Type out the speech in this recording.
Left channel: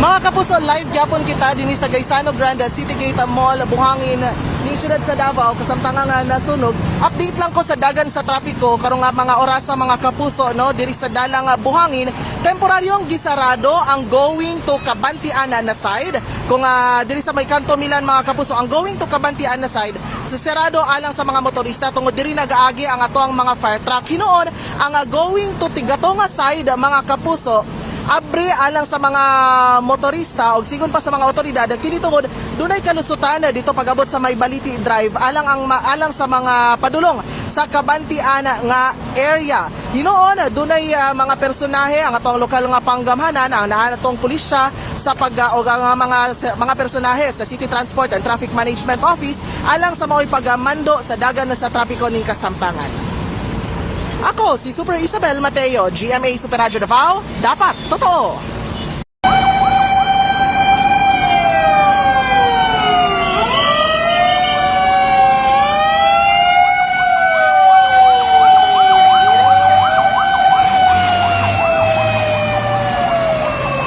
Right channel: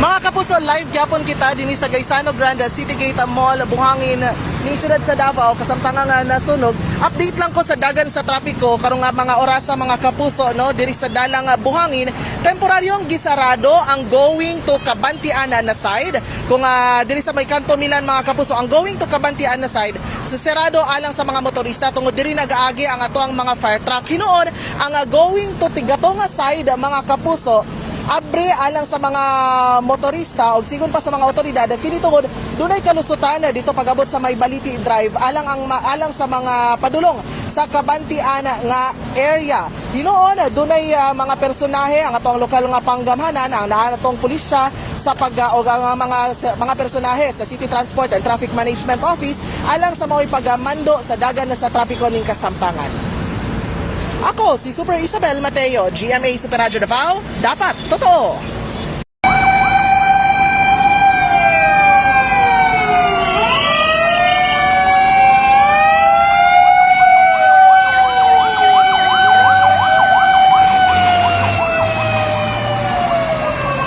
Mga kapuso, live gyapon kita dinhi sa Gaisano Grande City Gate Mall, Buhangin, ning siyudad sa Davao, kasamtangan nga nasunog. Update lang ko sa dagan sa trapiko karong nga mga oras sa mga kapuso no diri sa dalang Buhangin. Temporaryong gisarado ang going to Kabantianan na side. Kung diri sa may kanto Milan mga kapuso, ang going to Kabantianan na side sisarado alang sa mga motorista tungod diri nagaagi ang atoang mga fire truck. Hinuon ang going to Tigatonga side mga kapuso abre alang sa mga motorista o sigon pa sa mga otoridad kini tungod dunay kalusutan dito pagabot sa may Baliti Drive alang sa mga padulong sa Kabantianan nga area. Hinuon dunay mga personahe ang atong lokal nga panggamhanan ang nahanatong pulisya sa mga personahe sa City Transport and Traffic Management Office alang sa mga pagmando sa dagan sa trapiko ning kasamtangan. Ako, si Super Isabel Mateo, GMA Super Radio Davao, dapat totoo!